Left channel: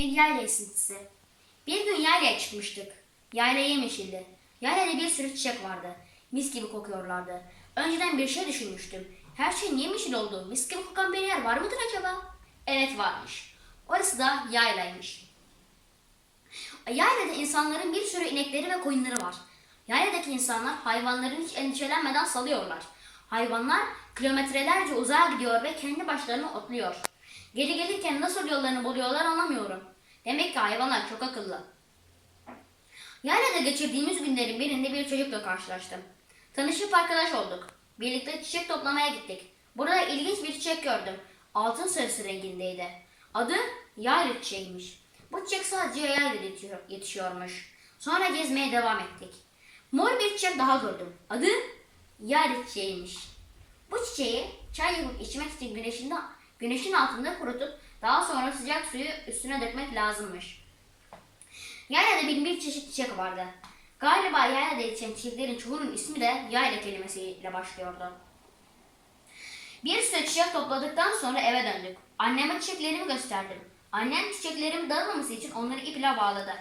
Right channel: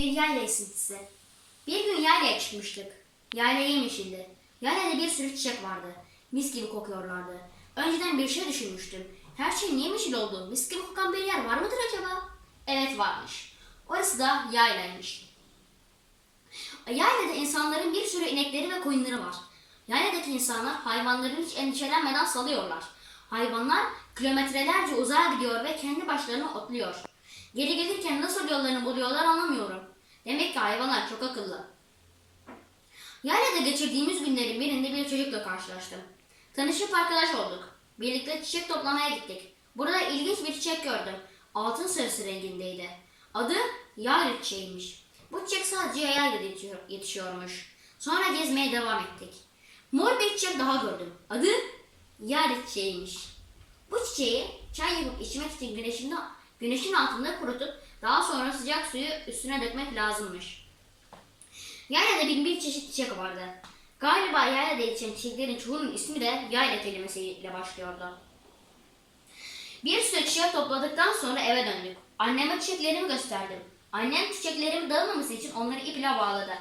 Bir yayla esintisi. Bir gün yaylaya çıkmıştık. Yayla yemyeşildi. Yaylada bir sürü çiçek vardı. Mis gibi kokuyorlardı. Önceden bir şey düşünmüştüm. Her şeyin yemyeşil olduğu mis gibi kokan bir yer var mıdır acaba? Evet varmış. Orası da yaylaymış. Yaylada insanların bir sürü inekleri ve koyunları var. Yayladaki insanlar hayvanların hiç endişelenmeden salıyorlar. Hayvanlar kilometrelerce uzağa gidiyor ve kendi başlarına otluyor. Geri gelirken nasıl yollarını buluyorlar anlamıyorum. Demek ki hayvanlar çok akıllı. Yaylada geçirdiğimiz günlerin birinde bir çocukla karşılaştım. Tanışıp arkadaş olduk. Birlikte çiçek toplamaya gittik. Burada ilginç bir çiçek gördüm. Altın sarısı rengindeydi. Adı yayla çiçeğiymiş. Bu çiçek sadece yaylada yetişiyor- yetişiyormuş. Sonra gezmeye devam ettik. Mor bir çiçek daha gördüm. Adı yayla çiçeğiymiş. Bu çiçeği çay yapıp içmek için güneşin, güneşin altında kurutup daha sonra sıcak suyu üstüne dökmek lazımmış. Yaylada bin bir çeşit çiçek vardı. Galiba yaylada yetişen çiçeklerin çoğunun ismi de yayla kelimesiyle başlıyordu. Bir sürü çiçek topladıktan sonra eve döndük. Anneme çiçeklerimi gösterdim. Annem çiçeklerimi dağılmaması için onları iple bağladı.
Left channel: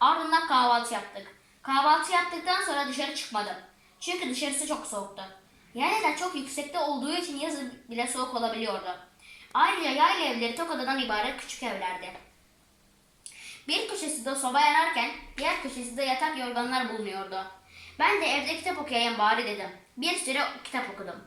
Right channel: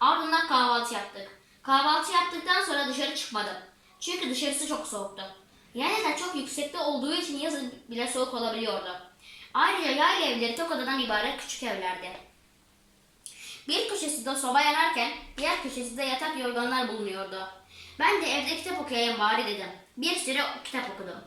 Ardından kahvaltı yaptık. Kahvaltı yaptıktan sonra dışarı çıkmadım. Çünkü dışarısı çok soğuktu. Yaylada çok yüksekte olduğu için yazın bile soğuk olabiliyordu. Ayrıca yayla evleri tok odadan ibaret küçük evlerdi. Bir köşesinde soba yanarken diğer köşesinde yatak yorganlar bulunuyordu. Ben de evde kitap okuyayım bari dedim. Bir süre kitap okudum.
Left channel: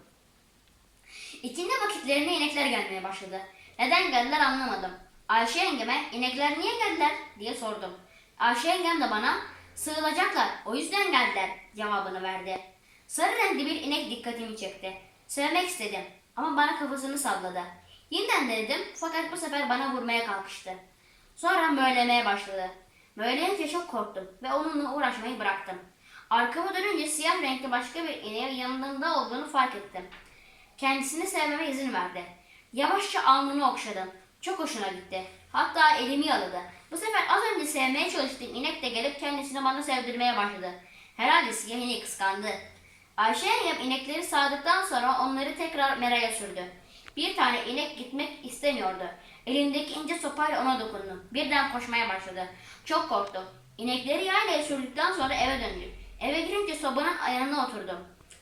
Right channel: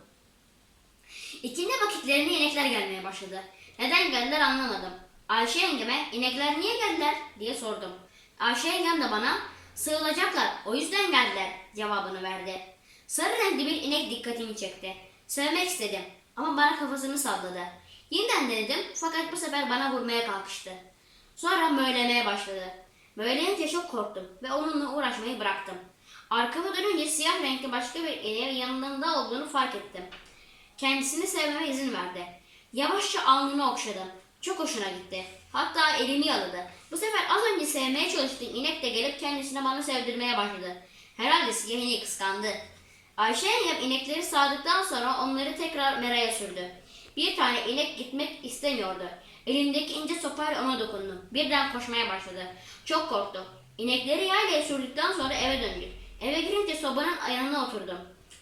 İkindi vakitlerine inekler gelmeye başladı. Neden geldiler anlamadım. Ayşe yengeme inekler niye geldiler diye sordum. Ayşe yengem de bana sığılacaklar o yüzden geldiler cevabını verdi. Sarı renkli bir inek dikkatimi çekti. Sevmek istedim ama bana kafasını salladı. Yeniden denedim fakat bu sefer bana vurmaya kalkıştı. Sonra möylemeye başladı. Möyleyince çok korktum ve onunla uğraşmayı bıraktım. Arkama dönünce siyah renkli başka bir ineğin yanında olduğunu fark ettim. Kendisini sevmeme izin verdi. Yavaşça alnını okşadım. Çok hoşuna gitti. Hatta elimi yaladı. Bu sefer az önce sevmeye çalıştığım inek de gelip kendisini bana sevdirmeye başladı. Herhalde siyah ineği kıskandı. Ayşe yengem inekleri sağdıktan sonra onları tekrar meraya sürdü. Bir tane inek gitmek istemiyordu. Elindeki ince sopayla ona dokundum. Birden koşmaya başladı. Çok korktu. İnekleri yaylaya sürdükten sonra eve döndük. Eve girince sobanın yanına oturdum.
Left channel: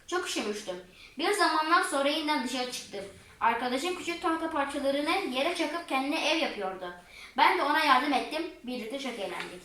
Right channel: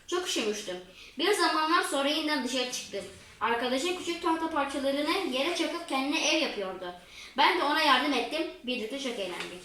Çok üşümüştüm. Bir zamanlar sonra yeniden dışarı çıktım. Arkadaşım küçük tahta parçalarını yere çakıp kendine ev yapıyordu. Ben de ona yardım ettim. Birlikte çok eğlendik.